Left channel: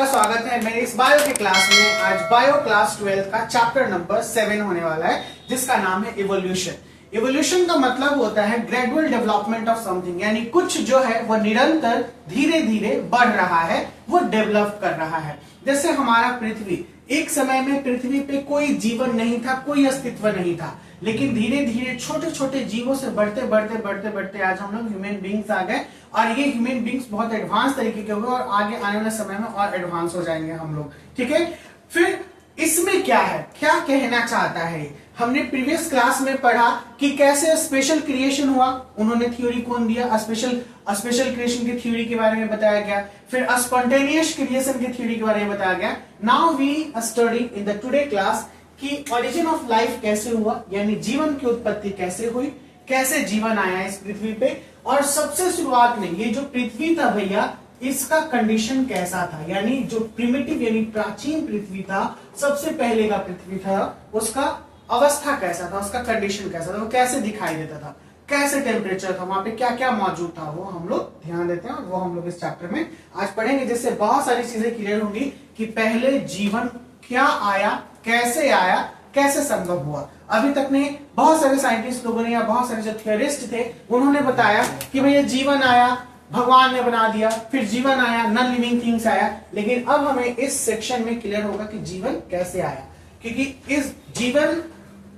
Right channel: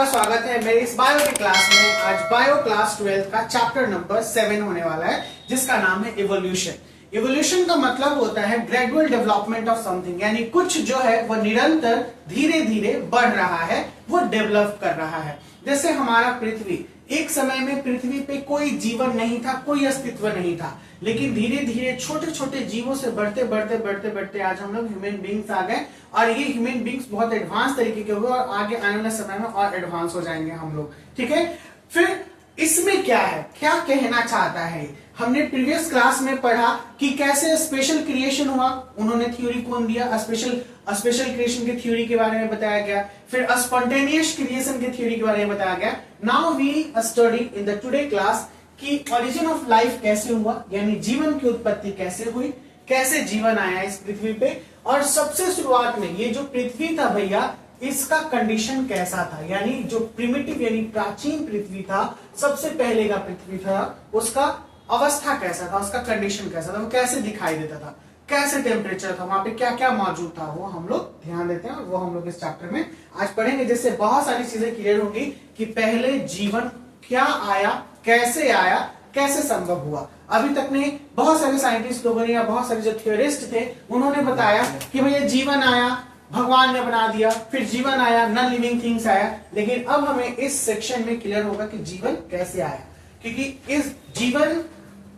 आपका स्वागत है मेरे इस बायो के क्लास में। आज बायो क्लास 12 का चैप्टर नंबर 7 होने वाला है, जिसका नाम है इवोल्यूशन। इवोल्यूशन का मतलब होता है ग्रेजुअल डेवलपमेंट ऑफ समथिंग, यानी कुछ जो है वो निरंतर धीरे धीरे बढ़ रहा है, वो डेवलप कर रहा है। जैसे हमारा पृथ्वी, एक समय में पृथ्वी पे कोई जीवन नहीं था, कोई अस्तित्व नहीं था, लेकिन धीरे धीरे छोटे छोटे जीवों से बढ़ते बढ़ते बढ़ते बढ़ते आज हम लोग ह्यूमन बींग्स आ गए, और ये ह्यूमन बींग्स बहुत एडवांस तरीके के हो गए और आगे आने वाले समय में और एडवांस हो जाएंगे हम लोग। ठीक है, फिर इसमें क्या है, क्या कहना चाहता है? हमने प्रीवियस क्लास में पढ़ा कि कैसे स्पेशल क्रिएशन हुआ, उन्होंने थ्योरी कौन दिया, स्पेशल क्रिएशन की थ्योरी के बारे में बताया गया, फिर स्पॉन्टेनियस क्रिएशन की थ्योरी के बारे में बताया गया। Now we study in the today class कि ओरिजिन ऑफ लाइफ कैसे हुआ, यानी जीवन की उत्पत्ति कैसे हुई, कैसे जीवन आया इस पृथ्वी पे, और सबसे शुरुआत में ये जो पृथ्वी था भैया, इसका कंडीशन कैसा था, यानी जो प्रिमिटिव यानी प्राचीन पृथ्वी था, सबसे पहले का पृथ्वी था, उसका अवस्था कैसा था, उसका कंडीशन कैसा था, वो कैसे दिखाई देता था, कैसे टेम्परेचर था, वहां पे क्या क्या मौजूद था, वो हम लोग ध्यान देते हैं और वो हम लोग इस चैप्टर में आज पढ़ेंगे, जिससे बहुत सारी चीजें क्लियर होंगी कि पहले जीवन क्या आया, कैसे संभव हुआ। अभी तक में बहुत सारे साइंटिस्ट लोगों ने या बहुत सारे जो थियोरिस्ट थे, उन्होंने बताया कि भैया जीवन आया, भगवान ने बना दिया, फिर जीवन आया, नॉन लिविंग थिंग्स आया, लेकिन अब हमें इस सेक्शन में क्लियर होगा कि जीवन कैसे आया, क्योंकि इस जीवन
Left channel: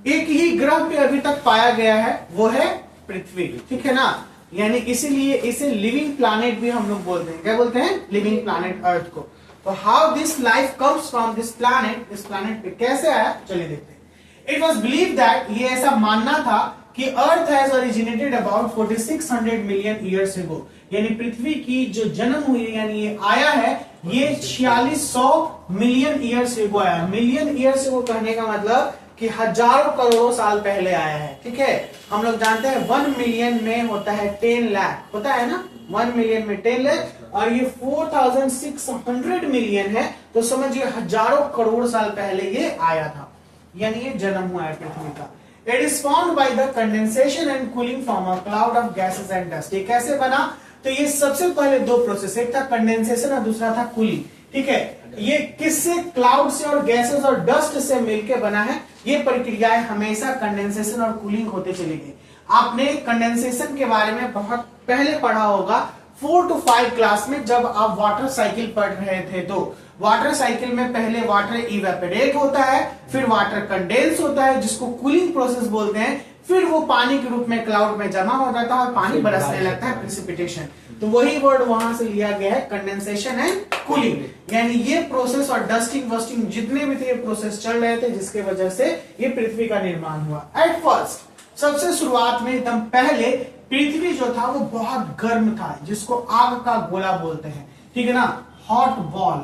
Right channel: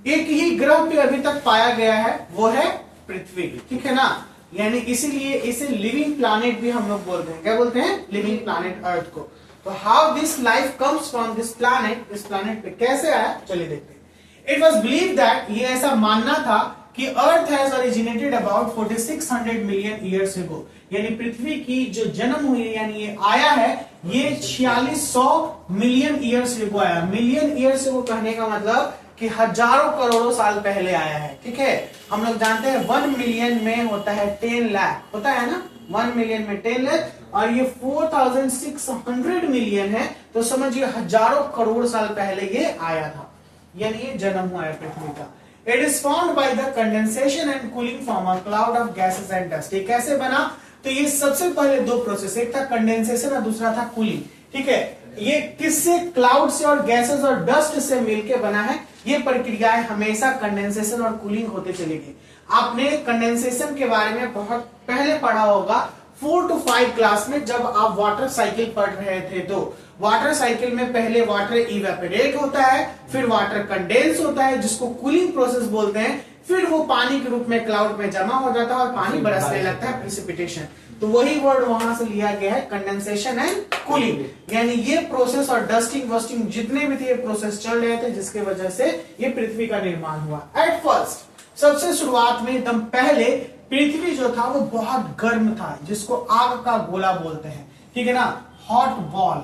एक ही ग्रह पे अभी तक पाया गया है, वो है पृथ्वी। ठीक है ना, यानी इसीलिए इसे लिविंग प्लैनेट भी हम लोग बोलते हैं। क्या बोलते हैं? लिविंग प्लैनेट अर्थ को। तो how this life comes from this planet, इस प्लैनेट पे कैसे आया, चलिए देखते हैं। इट वॉज बिलीव दैट, ये ऐसा मानना था कि earth has originated about 4600 million years ago, यानी पृथ्वी की जो जन्म हुई यानी ये आया है, ये 4600 मिलियन ईयर्स एगो आया। मिलियन ईयर्स एगो कहने का मतलब कि हजारों करोड़ों साल पहले आया है। ठीक है, हम लोग जानते हैं 1 मिलियन में होता है 10 लाख, होता है ना, 1 मिलियन में 10 लाख, और ये 4600 मिलियन है, तो समझिए हजारों करोड़ साल पहले ये आया था, यानी ये जन्म हुआ है पृथ्वी का। It is formed by the condensation and cooling from a cloud of gases and dust. ये कैसे बना? तो ये सबसे पहले दो प्रोसेस, एक था कंडेंसेशन और दूसरा था कूलिंग। ठीक है, ये किससे? क्लाउड से और गैसेस और डस्ट से मिलकर बना है। ये प्रक्रियाएं हमेशा कंडेंसेशन और कूलिंग होते चलेगी। आपने कंडेंसेशन के बारे में बहुत पहले पढ़ा होगा 4 to 5 क्लास में, जब आप वाटर साइकिल पढ़ रहे थे। तो वाटर साइकिल में पहले वाटर इवेपोरेट होता है, फिर वाटर कंडेंस होता है, जिसको कूलिंग प्रोसेस बोलते हैं, फिर वो पानी के रूप में क्लाउड में जमा हो जाता है और पानी बरसने लगता है, प्रेसिपिटेशन। तो वही वर्ड वहां से लिया गया है, कंडेंसेशन एंड कूलिंग, यानी ये प्रोसेस और डस्टिंग वस्टिंग जितने भी थे ये प्रोसेस चल रहे थे, जिसके वजह से ये पृथ्वी का निर्माण हुआ। एट फर्स्ट, सबसे शुरुआत में एकदम पहले पृथ्वी जो था वो बहुत गर्म था, जिसको आग का गोला बोलते हैं। ठीक है ना, हॉट बॉल।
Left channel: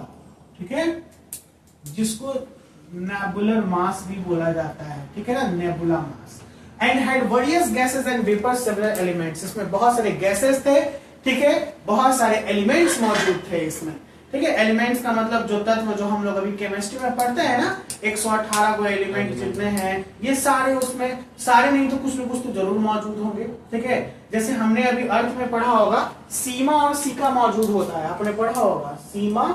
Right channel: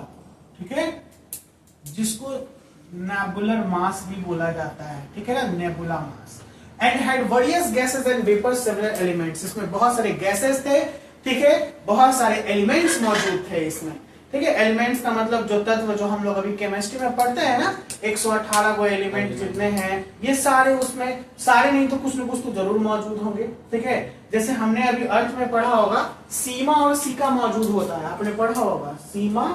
ठीक है, जिसको नेबुलर मास भी बोला जाता है। ठीक है ना, nebula mass. And had various gases and vapours, several elements. इसमें बहुत सारे गैसेस थे, ठीक है, बहुत सारे एलिमेंट्स मौजूद थे इसमें। ठीक है, एलिमेंट्स का मतलब जो तत्व जो हम लोग अभी केमिस्ट्री में पढ़ते हैं ना, 118 को एलिमेंट जितने हैं, ये सारे उसमें, सारे नहीं तो कुछ न कुछ तो जरूर मौजूद होंगे। ठीक है, जैसे हमने अभी अर्थ में पढ़ा होगा सीमा और सीका मौजूद होता है, आपने पढ़ा होगा सीमा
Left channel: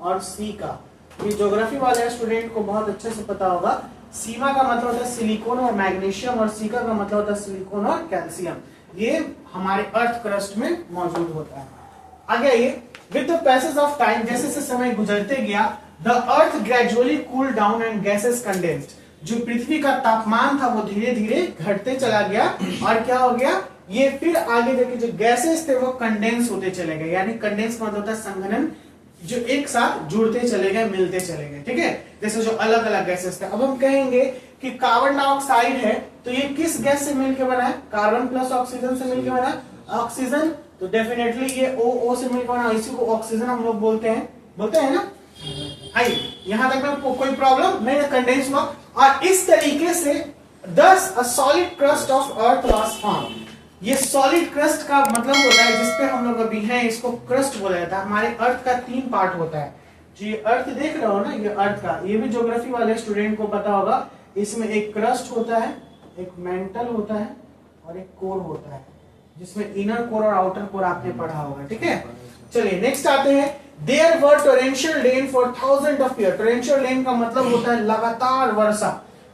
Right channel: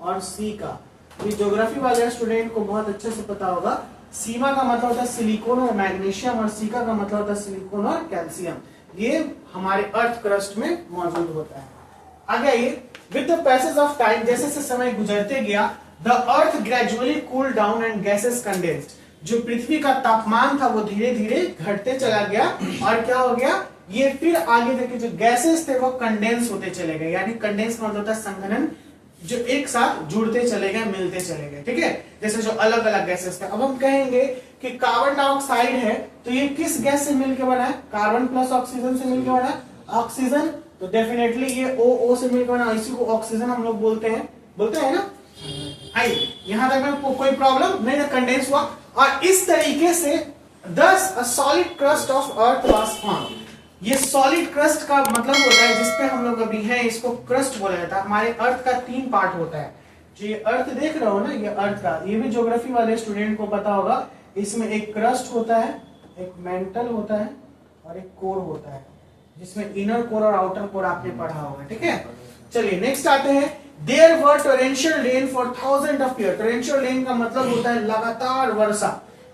और सीका। ये ज्योग्राफी वाले स्टूडेंट को बहुत अच्छे से पता होगा। सीमा का मतलब होता है सिलिकॉन और मैग्नीशियम, और सीका का मतलब होता है सिलिकॉन और कैल्शियम। ये हमारे अर्थ क्रस्ट में मौजूद होता है। आगे आइए, with the passage of time, जैसे जैसे समय गुजरते गया, the earth gradually cool down and gases condensed. जो पृथ्वी का तापमान था वो धीरे धीरे घटते चला गया, और क्या हो गया, ये फिर आगे देखिए जो गैसेस थे वो कंडेंस होते चले गए, यानी कंडेंस मतलब होता है संघनन, जो एक साथ जुड़ते चले गए, मिलते चले गए। ठीक है, जैसे जो अलग अलग गैसेस थे। अब हम कहेंगे कि कार्बन डाइऑक्साइड है, तो ये किस गैस से मिलकर बना है? कार्बन प्लस ऑक्सीजन से मिलकर बना है। ऑक्सीजन, तो डेफिनेटली ये O से मिलकर बना, इसी को ऑक्सीजन हम लोग बोलते हैं ना। आइए, यहां तक में कोई प्रॉब्लम नहीं, कंडेंस हुआ, और इस तरीके से thus a solid crust of earth was formed। ये सॉलिड क्रस्ट का मतलब होता है, जिसपे हम लोग अभी हैं, इसको क्रस्ट बोला जाता है। हमारे अर्थ का 3 पार्ट होता है। जो ये अर्थ देख रहे हो ना, ये अर्थ का, ये भी ज्योग्राफी वाले स्टूडेंट को पता होगा। इसमें एक क्रस्ट होता है, एक मेंटल होता है, और एक कोर होता है, जिसमें इनर कोर और आउटर कोर आपने पढ़ा होगा। ठीक है, चलिए नेक्स्ट आते हैं, there were torrential rain for 1000 of year. Torrential rain का मतलब होता है लगातार वर्षा।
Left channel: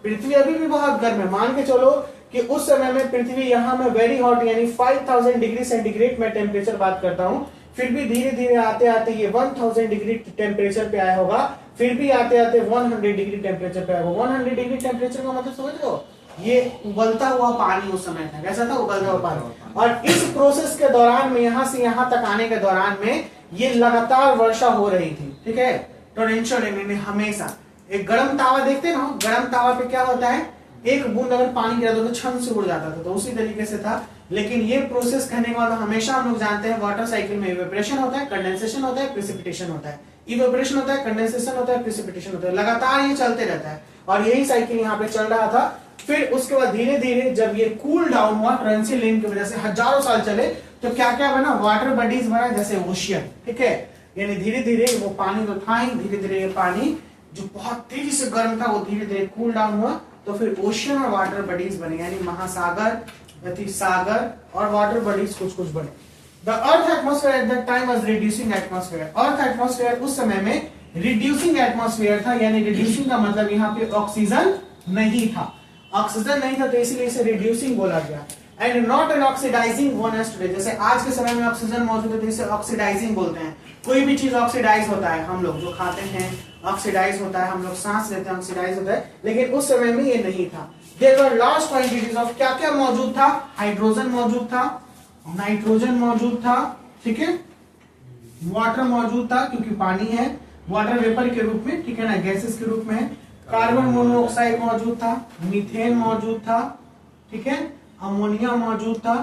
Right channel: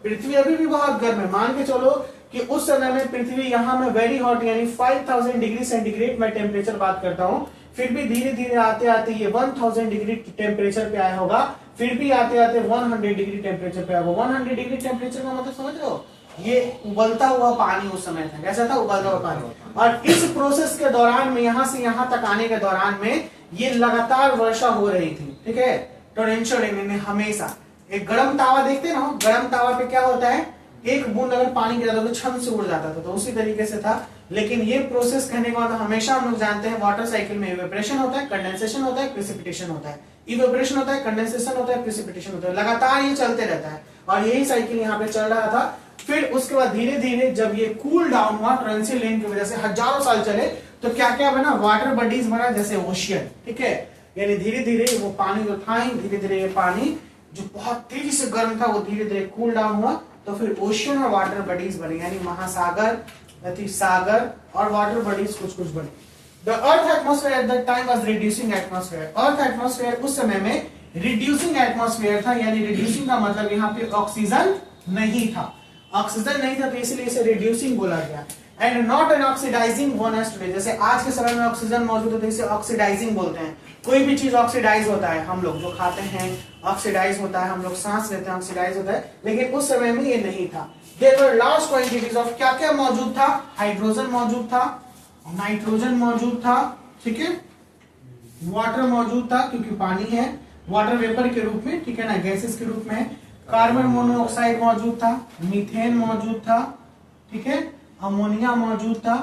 पृथ्वी अभी भी बहुत गर्म है, मान के चलो कि उस समय में पृथ्वी यहाँ में वेरी हॉट यानी 5000 डिग्री सेंटीग्रेड में टेम्परेचर बात करता हूँ, फिर भी धीरे धीरे आते आते ये 1000 डिग्री टेम्परेचर पे आया होगा, फिर भी आते आते 100 डिग्री टेम्परेचर पे आया होगा। 100 डिग्री टेम्परेचर का मतलब समझ रहे हो, ये उबलता हुआ पानी उस समय था। कैसा था? उबलता हुआ पानी। और इस प्रोसेस के दौरान में यहां से यहां तक आने के दौरान में ये लगातार वर्षा हो रही थी, ठीक है। टोरेंशियल रेन में हमेशा एक गर्म तावा देखते ना, गर्म तावा पे क्या होता है, एक बूंद अगर पानी गिरा तो छन से उड़ जाता था, तो उसी तरीके से था। लेकिन ये प्रोसेस करने के बाद हमेशा हम लोग जानते हैं वाटर साइकिल में इवेपोरेशन होता है, कंडेंसेशन होता है, प्रेसिपिटेशन होता है। इवेपोरेशन होता है, कंडेंसेशन होता है, प्रेसिपिटेशन होता है, लगातार ये चलते रहता है। और यही साइकिल यहाँ पे चल रहा था। फिर उसके बाद धीरे धीरे जब ये कूल डाउन हुआ टोरेंशियल रेन की वजह से, हजारों साल चले, तो क्या क्या बना, वाटर बॉडीज बना, जैसे ओशियन, ठीक है। यानी धीरे धीरे वो पानी जो था, धीरे धीरे ये पानी जो बहुत तेजी से गर्म था वो धीरे धीरे कूल डाउन हुआ, तो फिर ओशियन और वाटर बॉडीज बने, यानी महासागर, सागर और वाटर बॉडीज कुछ कुछ बने। The earth atmosphere at that time was reducing atmosphere. Earth atmosphere उस समय में रिड्यूसिंग एटमोस्फेयर था, यानी रिड्यूसिंग का मतलब यहाँ पे ऑक्सीजन नहीं था, ऑक्सीजन नहीं था, तो इसलिए इसे रिड्यूसिंग बोला गया। And not an oxidising one as today, जैसे आज के समय में ऑक्सीजन मौजूद है तो इसे ऑक्सीडाइजिंग बोलते हैं। कोई भी चीज ऑक्सीडाइज होता है, हम लोग जो खाते हैं ऑक्सीडाइज होता है, हम लोग सांस लेते हैं ऑक्सीडाइज होता है, लेकिन उस समय में ये नहीं था। There were large quantities of, क्या क्या मौजूद था, हाइड्रोजन मौजूद था, नाइट्रोजन मौजूद था, ठीक है, वाटर मौजूद था क्योंकि पानी है, वाटर वेपर के रूप में, ठीक है ना, गैसेस के रूप में है, कार्बन मोनोऑक्साइड मौजूद था, मीथेन मौजूद था, ठीक है, अमोनिया मौजूद था,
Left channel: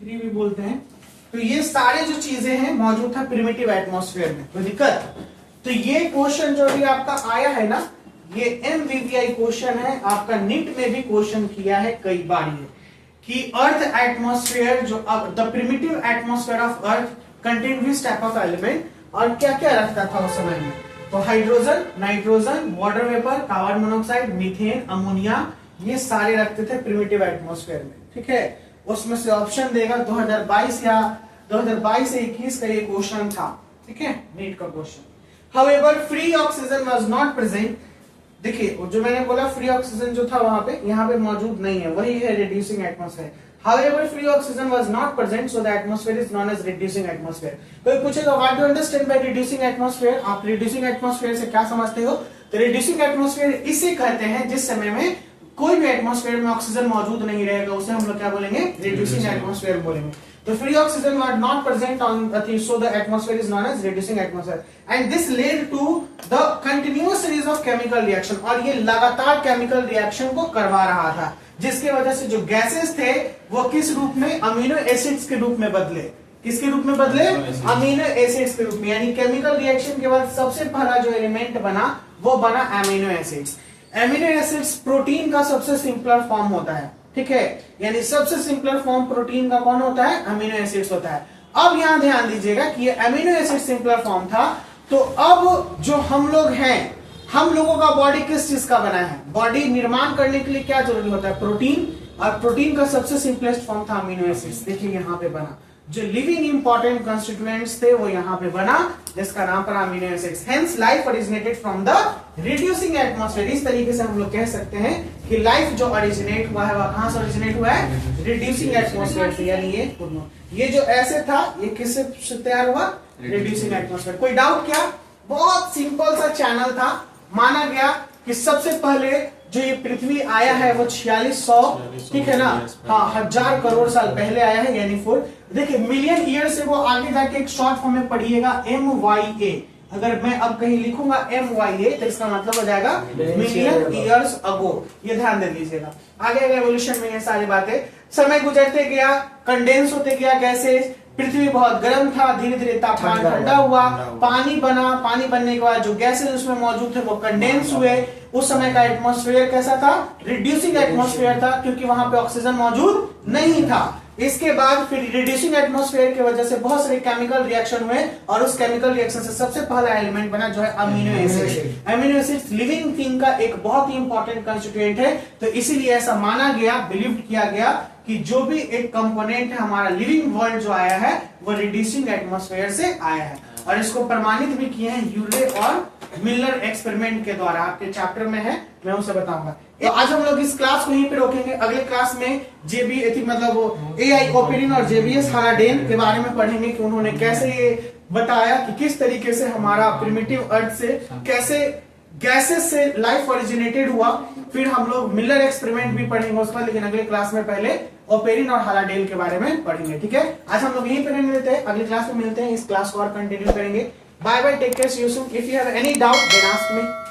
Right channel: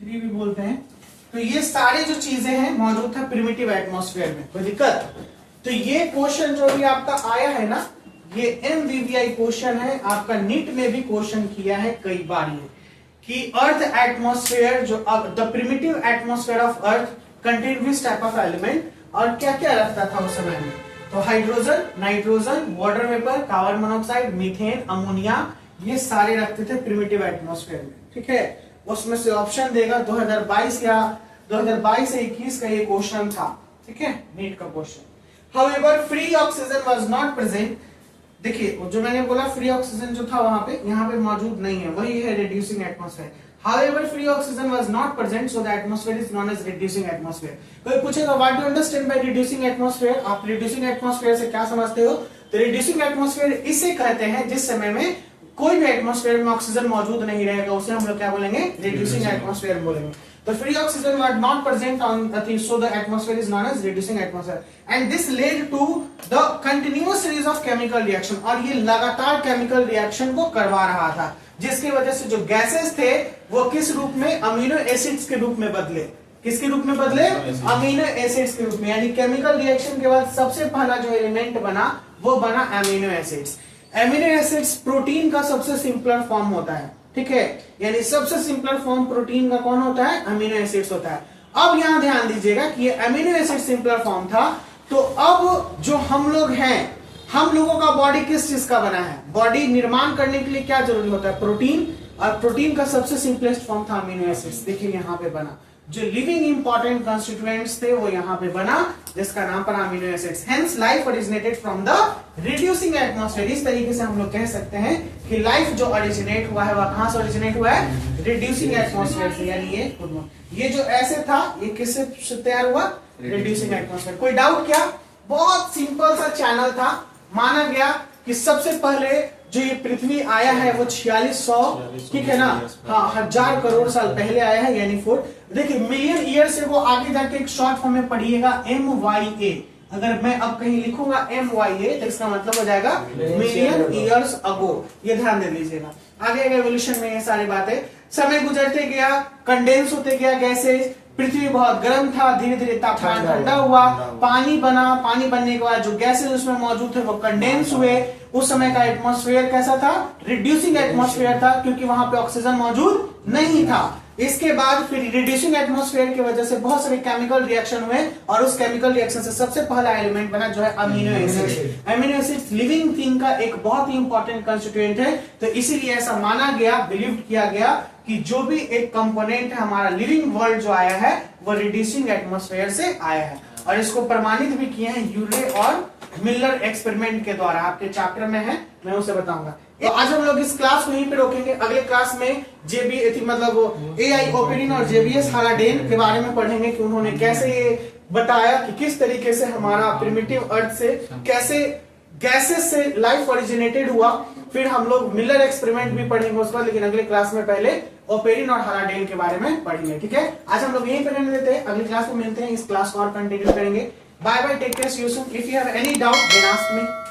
फ्री भी बोलते हैं। तो ये सारी जो चीजें हैं मौजूद था प्रिमिटिव एटमॉस्फेयर में। कोई दिक्कत? तो ये क्वेश्चन जो भी आपका आया है ना, ये MVVI क्वेश्चन है, आपका नीट में भी क्वेश्चन किया है कई बार ये, कि अर्थ एटमॉस्फेयर जो the primitive atmosphere of earth contain which type of element, और क्या क्या रखता था उस समय में। तो hydrogen, nitrogen, water vapour, carbon monoxide, methane, ammonia, ये सारे रखते थे प्रिमिटिव एटमॉस्फेयर में, ठीक है। उसमें से ऑप्शन देगा 2022 या 2022 से 21 का ये क्वेश्चन था, ठीक है, नीट का question. However free oxygen was not present, देखिए जो मैंने बोला फ्री ऑक्सीजन जो था वहां पे, यहाँ पे मौजूद नहीं है, वही है reducing atmosphere. However, free oxygen was not present, so the atmosphere is known as reducing atmosphere. कोई पूछेगा what do you understand by reducing atmosphere? आप reducing atmosphere से क्या समझते हो? तो reducing atmosphere इसे कहते हैं जिस समय में कोई भी एटमॉस्फेयर में ऑक्सीजन मौजूद नहीं रहेगा, उसे हम लोग क्या बोलेंगे, रिड्यूसिंग एटमॉस्फेयर बोलेंगे। तो free oxygen were not present on the thing, so the atmosphere is known as reducing atmosphere, and this led to the continuous series of chemical reaction, और ये लगातार केमिकल रिएक्शन को करवा रहा था, जिसकी वजह से जो गैसेस थे वो किस रूप में, अमीनो एसिड्स के रूप में बदले। किसके रूप में बदले? अमीनो एसिड्स के रूप में। यानी केमिकल रिएक्शन के बाद सबसे पहला जो एलिमेंट बना वो बना amino acids. Amino acids protein का सबसे सिंपलर फॉर्म होता है, ठीक है, यानी सबसे सिंपलर फॉर्म प्रोटीन का कौन होता है, अमीनो एसिड्स होता है। अब यहां ध्यान दीजिएगा कि ये अमीनो एसिड सिंपलर फॉर्म था, तो अब जो हम लोग हैं, हम लोगों का बॉडी किस चीज का बना है, बॉडी निर्माण करने के लिए क्या जरूरी होता है, प्रोटीन, और प्रोटीन का सबसे सिंपलेस्ट फॉर्म था अमीनो एसिड्स। देखिए यहाँ पे बना, जो लिविंग इंपॉर्टेंट कंस्टिट्यूएंट्स थे वो यहाँ पे बना, जिसका नाम पड़ा amino acids. Hence life originated from the reducing atmosphere. इस तरीके से हम लोग कह सकते हैं कि लाइफ जो ओरिजिनेट हुआ है वह कहां से ओरिजिनेट हुआ है, रिड्यूसिंग एटमॉस्फेयर से। यानी ये जो ऐसे था ये किससे तैयार हुआ, रिड्यूसिंग एटमॉस्फेयर। कोई डाउट क्या? बहुत सिंपल सा चैनल था। माना गया कि सबसे पहले जो ये पृथ्वी आया है वो 4600, ठीक है ना, हाँ, 1000 करोड़ साल पहले आया है, यानी 4। देखिए मिलियन ईयर से वो आगे जाके एक शॉर्ट फॉर्म में पढ़िएगा MYA। अगर मैं अब कहीं लिखूंगा MYA तो इसका मतलब हो जाएगा मिलियन ईयर्स अगो। ये ध्यान दे लीजिएगा। आगे एवोल्यूशन में ये सारी बातें, समय गुजरते गया, कंडेंस होते गया गैसेस, पृथ्वी बहुत गर्म था, धीरे धीरे तापमान ठंडा हुआ, पानी बना, पानी बनने के बाद जो गैसेस उसमें मौजूद थे वो कंडेंस हुए। उस समय का एटमॉस्फेयर कैसा था, रिड्यूसिंग एटमॉस्फेयर था, क्योंकि वहां पे ऑक्सीजन मौजूद नहीं था। इसके बाद फिर रिड्यूसिंग एटमॉस्फेयर की वजह से बहुत सारे केमिकल रिएक्शन हुए और उस केमिकल रिएक्शन से सबसे पहला एलिमेंट बना जो है amino acid. Amino acid living thing का एक बहुत ही इंपॉर्टेंट कंस्टिट्यूएंट है, तो इसीलिए ऐसा माना गया, बिलीव किया गया कि जो भी एक कंपोनेंट है हमारा लिविंग वर्ल्ड जो आया है वो रिड्यूसिंग एटमॉस्फेयर से आया है। और इसको प्रमाणित भी किए हैं यूरे और मिलर एक्सपेरिमेंट के द्वारा, आपके चैप्टर में है, मैं उसे बताऊंगा। तो आज हम लोग इस क्लास को यहीं पे रोकेंगे। अगले क्लास में जेबी मतलब एआई ओपेरिन और जेबीएस हाराडेन के बारे में पढ़ेंगे कि उन्होंने कैसे ये बताया कि किस तरीके से हमारा प्रिमिटिव अर्थ से कैसे गैसेस से लाइफ ओरिजिनेटेड हुआ। फिर हम लोग मिलर एक्सपेरिमेंट भी पढ़ेंगे उसका, लेकिन अगले क्लास में पहले ओपेरिन और हाराडेन के बारे में पढ़ेंगे। ठीक है, आज हम लोग यहीं पर रहने देते हैं, अगली क्लास में मिलते हैं, इस क्लास को और कंटिन्यू करेंगे। Bye bye, take care, see you soon. If you have any doubt then ask me.